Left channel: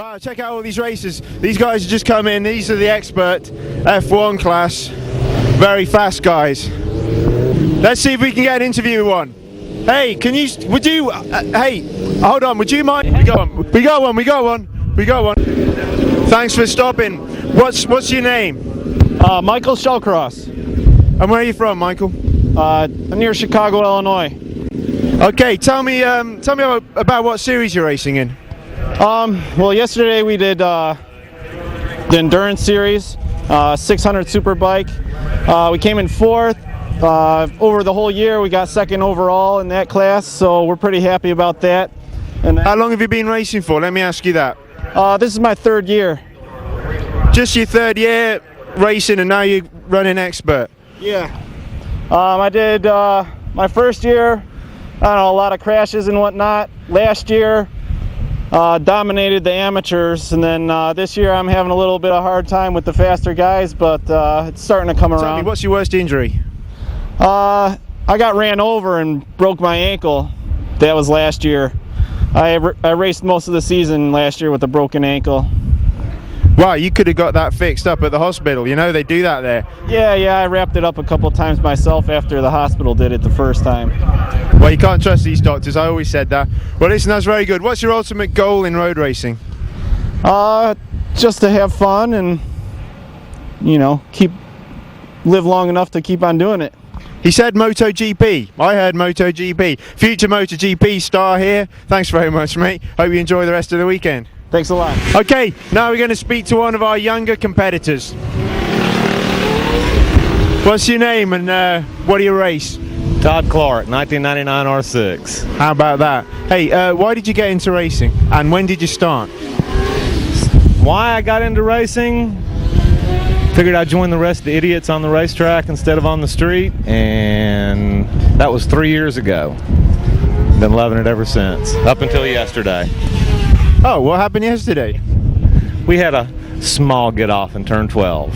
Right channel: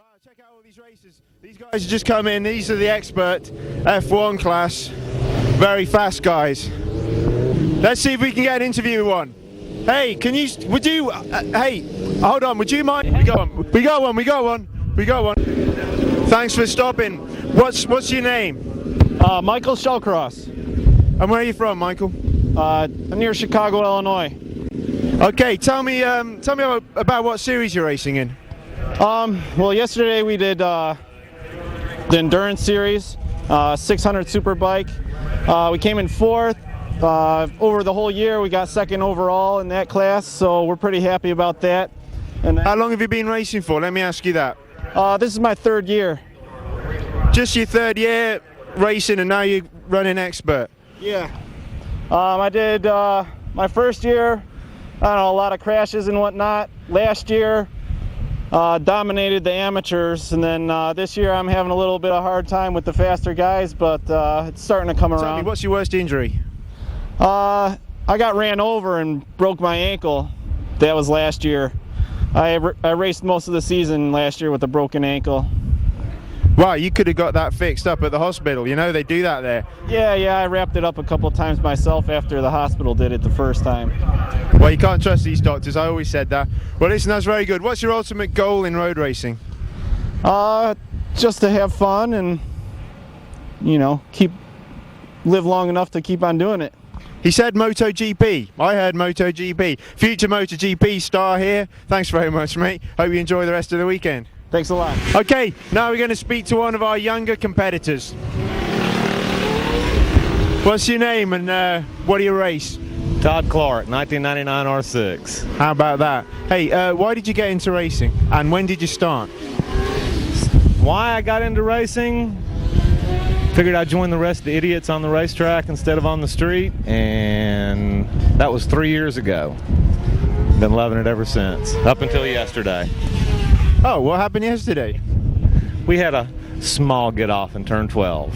Wow, check out all these racers. These guys have just come in. These are the expert F1 class. Very fast guys. Let's see if we can get an interview with one. Hey, hey, hold on, would you mind? We got one. Thanks for stopping. What's your name? Michael Shellcross. And where are you from, Michael? Near Chicago, Illinois. Okay, tell me about what series you're racing in. Well, yesterday we did the endurance series, 600 Superbike. We came in fourth. Over the whole year, we got second overall in that class, so we're pretty happy about that. And how long have you been racing for? Let me ask you that. This is my third year. Just your third year racing, and now you're running expert. Yeah. I did my first year, I don't know, a lot of crashes and whatnot. Last year, dominated the amateurs, and then this year I'm having a little bit of a hard time with the faster guys, but it's starting to come around. Tell me, what's your worst injury? I got ran over and broke my ankle. That was last year. I raced most of the season last year with a broken ankle. Wow, you could have got that fixed up at the hospital. You know, they do that there. Yeah, I wrapped it up a couple times myself after the hospital did it the first time. Well, you can't trust these doctors. I always said that. Well, listen, that's very good. What's your ultimate goal in road racing? Just to have fun and, you know, live long enough to keep on doing it. He said MotoGP. I heard MotoGP. Future MotoGP star here. Thanks very much, mate. Hope you enjoy the rest of the weekend. Thanks a lot. Okay, now we're going to speak to one of our younger competitors. What's your name and what do you race? Todd Clark, 1999 R6. How about that? Hey, why did you get into racing and when did you start? Why I got into racing? Figured I'd join the rest of the idiots on the racetrack instead of on the street, and that was 3 years ago. Been loving it ever since, up until yesterday. Oh, what happened yesterday? We had a small get-off in turn 12.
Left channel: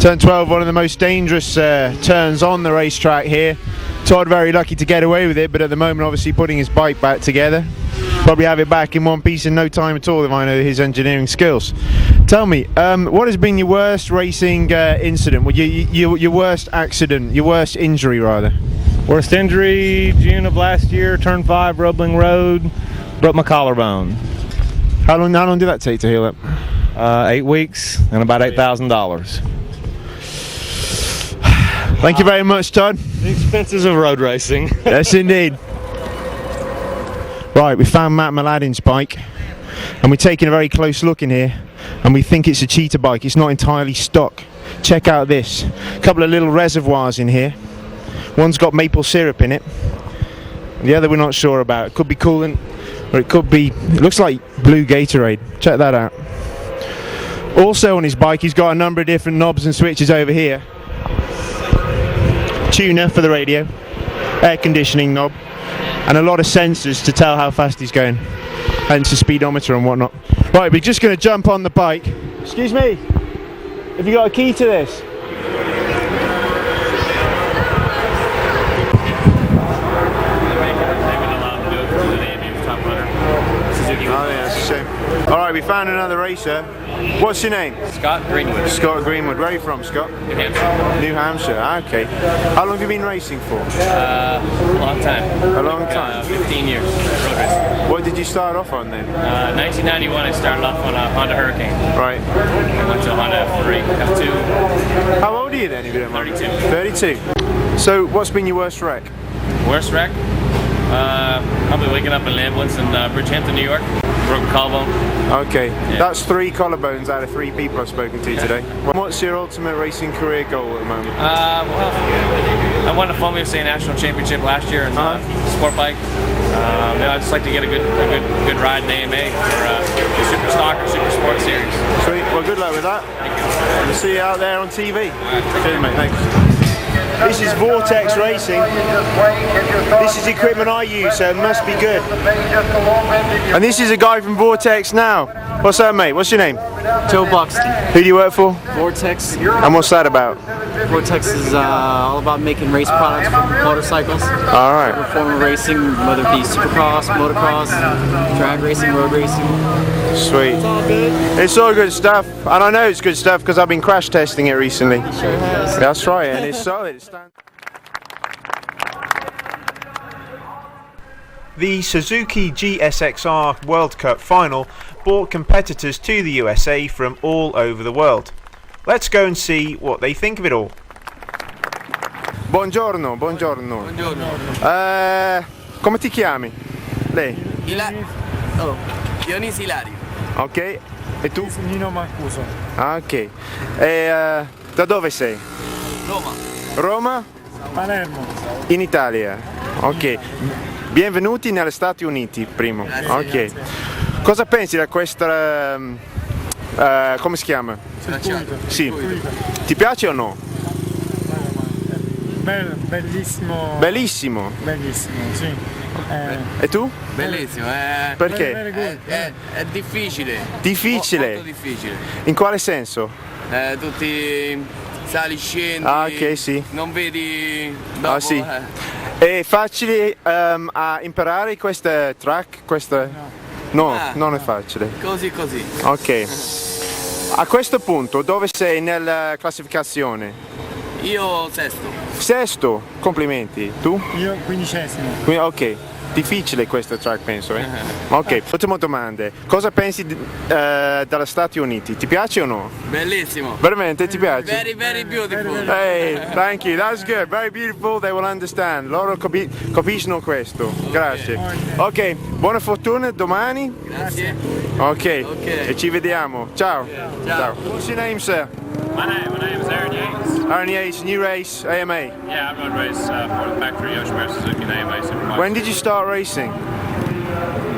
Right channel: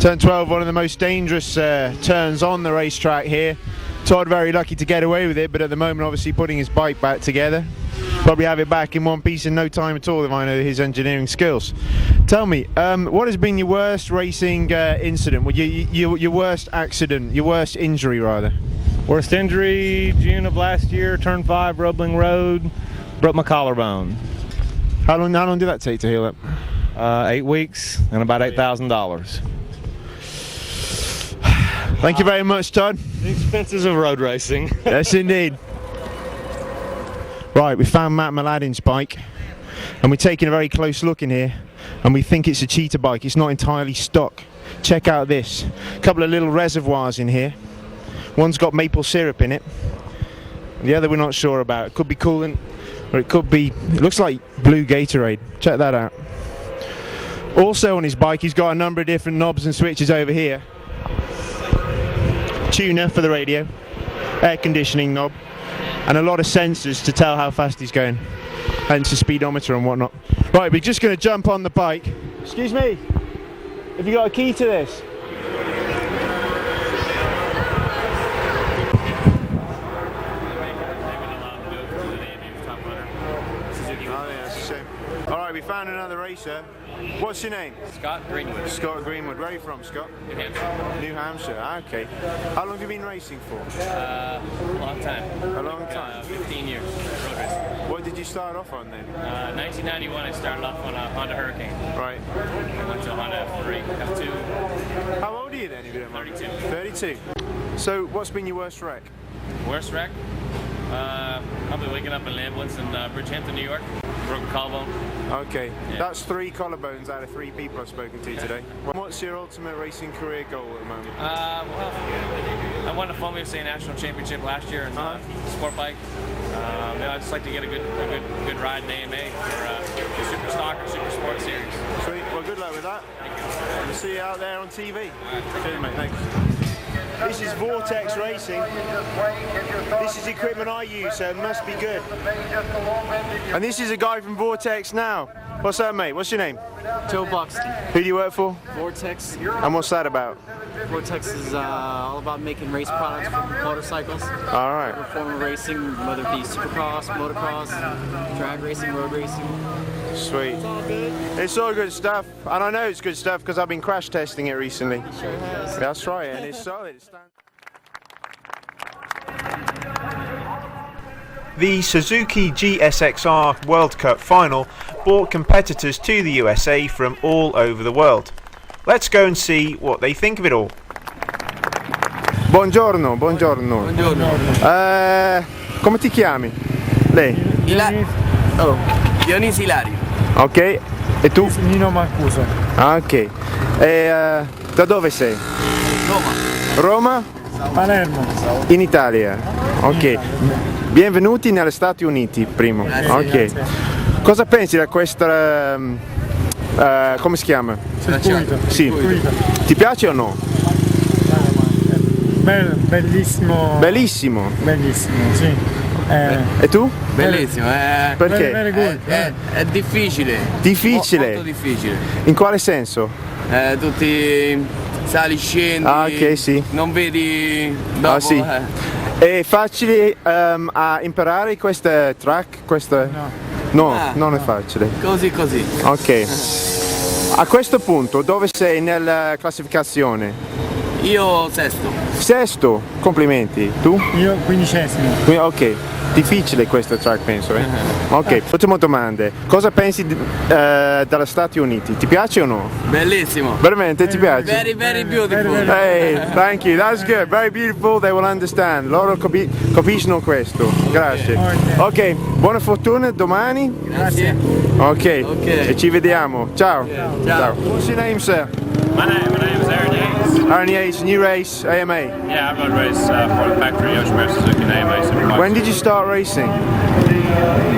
Turn 12, one of the most dangerous turns on the racetrack here. Todd very lucky to get away with it, but at the moment obviously putting his bike back together. Probably have it back in one piece in no time at all if I know his engineering skills. Tell me, what has been your worst racing incident? Well, your worst accident, your worst injury rather? Worst injury, June of last year, turn 5, Rubbling Road, broke my collarbone. How long did that take to heal up? 8 weeks and about $8,000. Thank you very much, Todd. The expenses of road racing. Yes, indeed. Right, we found Matt Mladen's bike, and we're taking a very close look in here, and we think it's a cheetah bike. It's not entirely stock. Check out this. A couple of little reservoirs in here. One's got maple syrup in it. The other we're not sure about. It could be coolant, or it could be, it looks like blue Gatorade. Check that out. Also on his bike, he's got a number of different knobs and switches over here. Tuner for the radio, air conditioning knob, and a lot of sensors to tell how fast he's going, hence the speedometer and whatnot. Right, we're just going to jump on the bike. Excuse me, have you got a key to this? Oh yeah, that's a shame. Alright, we found another racer. What's your name? Scott Greenwood. Scott Greenwood. Where are you from, Scott? New Hampshire. New Hampshire, okay. How long have you been racing for? A long time. A long time? 15 years. Road racing. What did you start off on then? 1991 I started off on a Honda Hurricane. Right. I went to a Honda F3, F2. How old are you then, if you don't mind? 32. 32. So, what's been your worst wreck? Worst wreck? Probably waking up in an ambulance in Bridgehampton, New York. Broken collarbone. Okay, Yeah. That's 3 collarbones out of 3 people I've spoken to today. What's your ultimate racing career goal at the moment? Well, I won the Formula USA National Championship last year in sport bike. I'd just like to get a good ride in AMA for the Super Stock or Super Sport Series. Sweet. Well, good luck with that. Thank you. We'll see you out there on TV. Right, Cheers, mate. Thanks. This is Vortex Racing. This is equipment I use, so it must be good. And this is a guy from Vortex now. What's that, mate? What's your name? Joe Buxton. Who do you work for? Vortex. And what's that about? Vortex is all about making race products for motorcycles. All right. Every form of racing, whether it be supercross, motocross, drag racing, road racing. Sweet. It's all good. It's all good stuff, and I know it's good stuff because I've been crash testing it recently. Sure has. That's right, and it's solid. The Suzuki GSXR World Cup final brought competitors to the USA from all over the world. Let's go and see what they think of it all. Buongiorno, buongiorno. Come ti chiami? Lei? Dionisi Ilario. Ok, e tu? Nino Mancuso. Ah, ok. E da dove sei? Roma. Roma? Palermo. In Italia. Ok. Benvenuti negli Stati Uniti, primo. Grazie, Ok. grazie. Cosa pensi di questa... come si chiama? Circuito. Sì. Circuito. Ti piace o no? Bellissimo. Bellissimo. Bellissimo, sì. E tu? Bellissimo, Perché? Very good. è difficile. Difficile? Molto difficile. In quale senso? Tutti sali, scendi. Ah, ok, sì. Non vedi dopo. Ah, sì. È facile a imparare questa track? Questa... No, Ah. non è facile. Così così. Ok. A questo punto dove sei nella classificazione? Io sesto. Sesto, complimenti. Tu? Io 15esimo. Ok, difficile questa track penso. Ok, ultima domanda. Cosa pensi dagli Stati Uniti? Ti piace o no? Bellissimo. Veramente ti piace? Very very beautiful. Hey, thank you, that's good, very beautiful, they will understand. Loro capiscono questo. Grazie. Ok, buona fortuna domani. Grazie. Ok, Ok. e ci vediamo. Ciao. Ciao. What's your name, sir? My name is Aaron Yates. Aaron Yates, new race, AMA. Yeah, I rode race for the factory Yoshimura Suzuki and AMA Superbike. When did you start racing?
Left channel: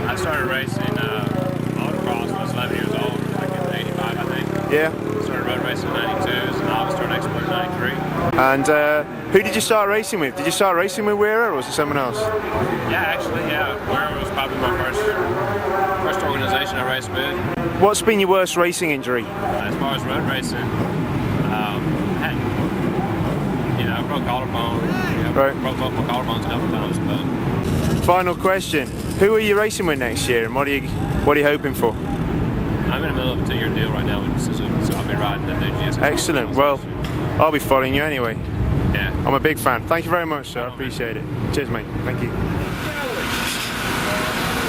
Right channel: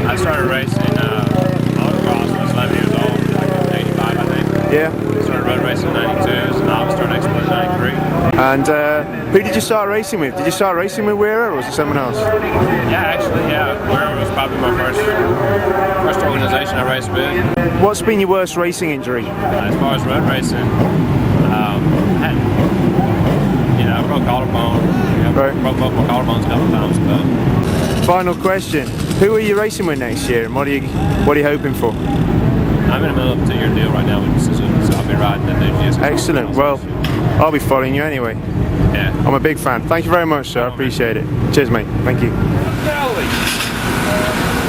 I started racing motocross when I was 11 years old, like in 85 I think. Yeah. Started road racing in 92, as a novice, started export in 93. And who did you start racing with? Did you start racing with WERA or was it someone else? Yeah, actually, WERA was probably my first organization I raced with. What's been your worst racing injury? As far as road racing, I broke collarbone. Right. Broke both my collarbones a couple times, but Final question. Who are you racing with next year and what are you hoping for? I'm in the middle of a 2-year deal right now with Suzuki, so I'll be riding the new GS. Excellent. Well, I'll be following you anyway. Yeah. I'm a big fan. Thank you very much, sir. I appreciate it. Cheers, mate. Thank you.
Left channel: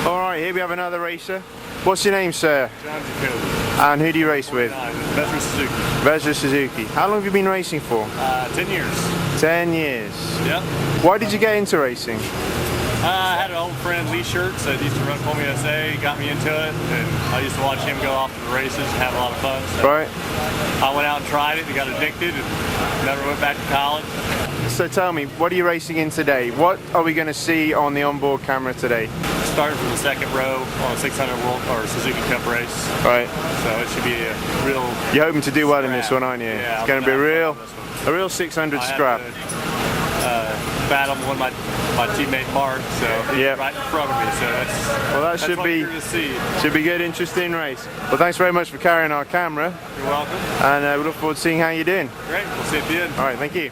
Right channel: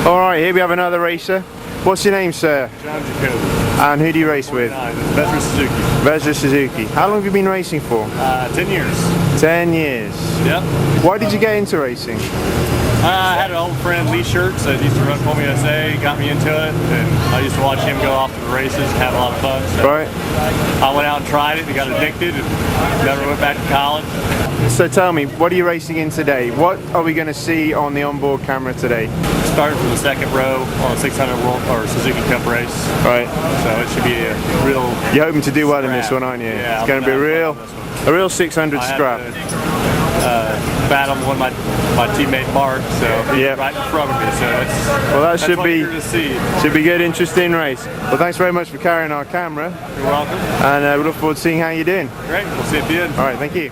All right, here we have another racer. What's your name, sir? John Jacoby. And who do you race with? Veteran Suzuki. Vezra Suzuki. How long have you been racing for? 10 years. 10 years. Yep. Why did you get into racing? I had an old friend, Lee Shirts, that used to run for me USA, got me into it, and I used to watch him go off to the races and have a lot of fun. So Right. I went out and tried it and got addicted and never went back to college. So tell me, what are you racing in today? What are we going to see on the onboard camera today? Starting from the second row on a 600 World or Suzuki Cup race. Right. So it should be a real You're hoping to do well in this scrap. one, aren't you? Yeah, It's going to be I'm a real 600 I had scrap. to, battle one of my teammate Mark, so he's Yep. right in front of me. So Well, that that's should what be you're to see. good, interesting race. Well, thanks very much for carrying our camera, You're welcome. and we look forward to seeing how you're doing. Great. We'll see you at the end. All right, thank you.